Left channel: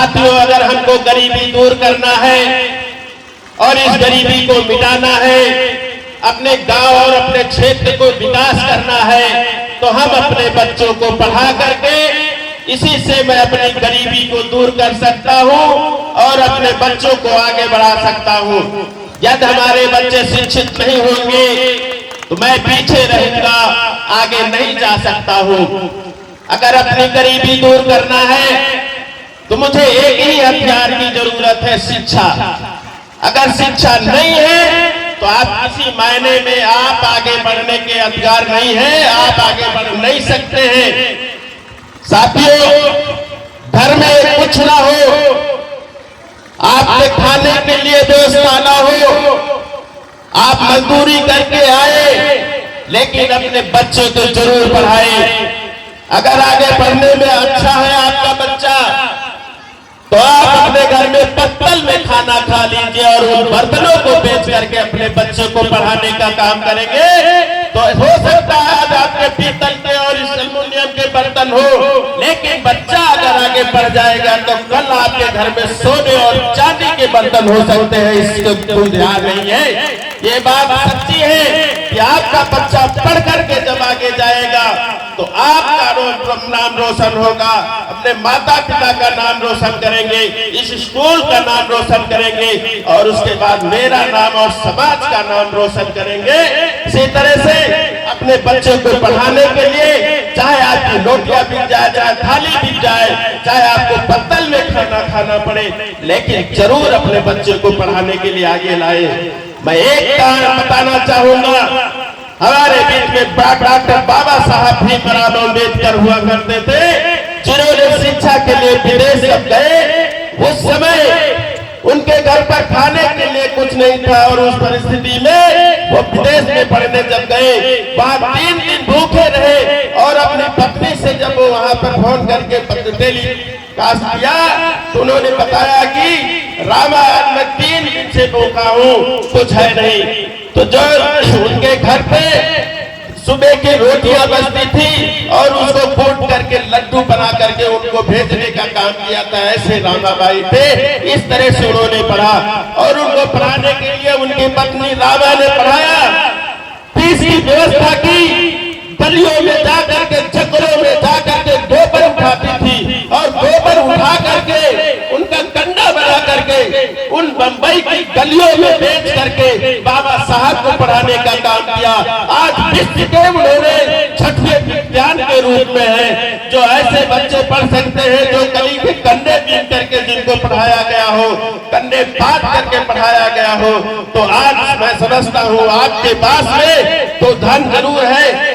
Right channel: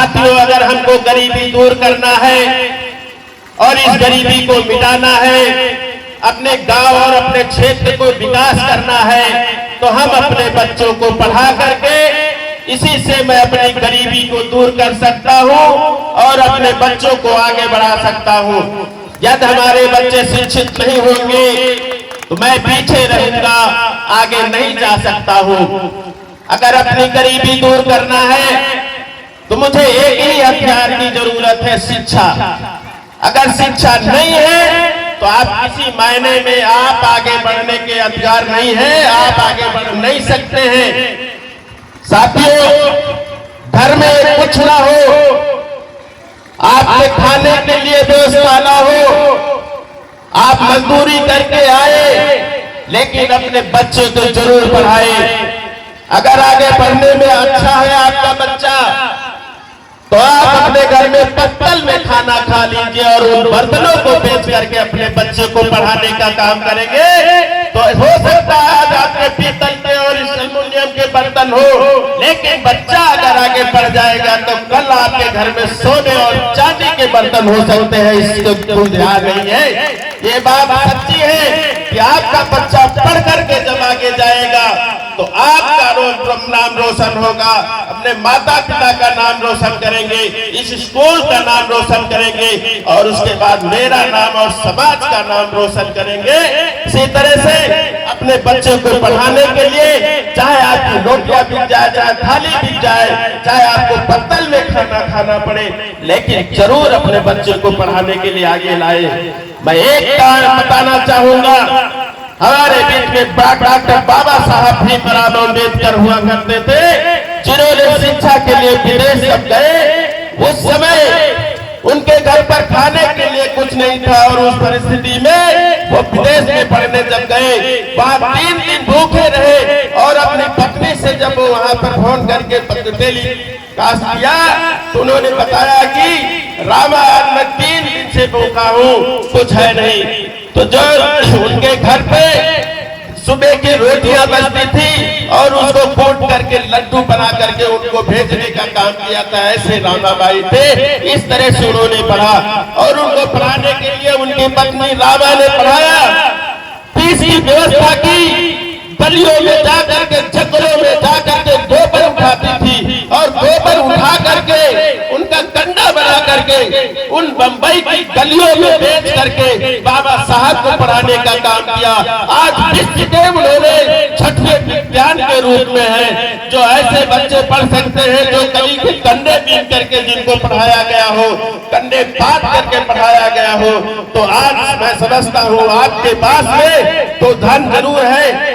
साथियों, अगर हमको गरीबी दूर करना है और इस गरीबी को मिटाना है, अपने गांव और अपने क्षेत्र को विकास करना है, तो हम अपने बच्चों को पढ़ा करके इसी से मैं अपनी गरीबी को दूर कर सकता हूं और अपने बच्चों को आगे बढ़ा सकता हूं। यदि हमारे बच्चे शिक्षित नहीं होंगे तो मैं पीछे रहूंगा, आगे नहीं जा सकता हूं। अगर अपनी गरीबी दूर करना है तो मुझे एक ही हथियार की जरूरत है, शिक्षा। अगर शिक्षा नहीं है तो आप किसी मायने में आप आगे बढ़ने के अधिकार नहीं है, आप आगे बढ़ नहीं सकते हैं। साथियों, घर में कुछ ना हो, आपके खाने के लिए व्यवस्था ना हो, आप मजदूरी करके आए, लेकिन अपने बच्चे को जरूर पढ़ाए। अगर आगे बढ़ने में अच्छा है आपका बच्चा तो आप अपने घर में पत्तल में खाना खा लीजिए और उन बर्तनों को बेच करके अपने बच्चे को पढ़ाने का काम करेंगे। तो हो सकता है आज आपके पीतल के और एल्युमिनियम के बर्तन हो, लेकिन बच्चा अगर आगे बढ़ जाएगा तो कल आपके घर में सोने और चांदी के बर्तन हो सकते हैं। इसको ध्यान नहीं है। ये बात सच्ची है कि आपका बच्चा पढ़ करके जब आगे जाएगा तो आपका नाम रोशन होगा, अपने माता पिता का नाम रोशन करेंगे, इस स्कूल का नाम रोशन करेंगे और उसके बाद मेरा नाम और समाज का नाम रोशन करेंगे। इसी तरह से अपने बच्चों को पढ़ाने के लिए चाहे आपकी रोटियां बिक जाए, चाहे थाली बिक जाए, चाहे आपको पत्तल में खाना खाना पड़े, लेकिन जरूर अपने बच्चे को पढ़ाने के लिए आगे लाए। मैं एक कारण बताना चाहूंगा, हमारे बीच में डॉक्टर बाबा साहब भीमराव अम्बेडकर हुआ करते थे, जिन्होंने शिक्षा के लिए विदेश जब गए, उस समय उनके घर पर खाने के लिए कुछ नहीं था और उस परिस्थिति में वो विदेश में पढ़ने जब गए, वहां 3 दिन भूखे रहे और अपनी पत्नी से जब वो वहां पर फोन करके टेलीकास्ट किया तो उन्होंने बताया कि रामा आज मैं 3 दिन से भूखा हूँ, कुछ है नहीं। तो जो उनके घर पे सुबह की रोटियां बचती थी और उसको कूट करके लड्डू बना करके उनको भेजने का काम किया था, ऐसे रामाबाई थे। इस तरह से उन्होंने पढ़ा और उनको पढ़ाने के लिए उनकी पत्नी रामा ने पढ़ाया। फीस की व्यवस्था की, गलियों में जाकर के, जंगलों में जाकर के गोबर उठाती थी और गोबर उठा करके उनका कंडा बना करके उन बंबई की गलियों में बेच करके बाबा साहब को पढ़ाने का काम किया। आज विश्व के उन्होंने छठवें विज्ञान के रूप में है, जो ऐसे बच्चे पढ़ सकते हैं जो कली के कंडे बीन करके जिनको पढ़ाया गया हो, कंडे बात करके पढ़ाया गया हो। तो आज मैं समझता हूँ आपके पास में तो धन जरूर है।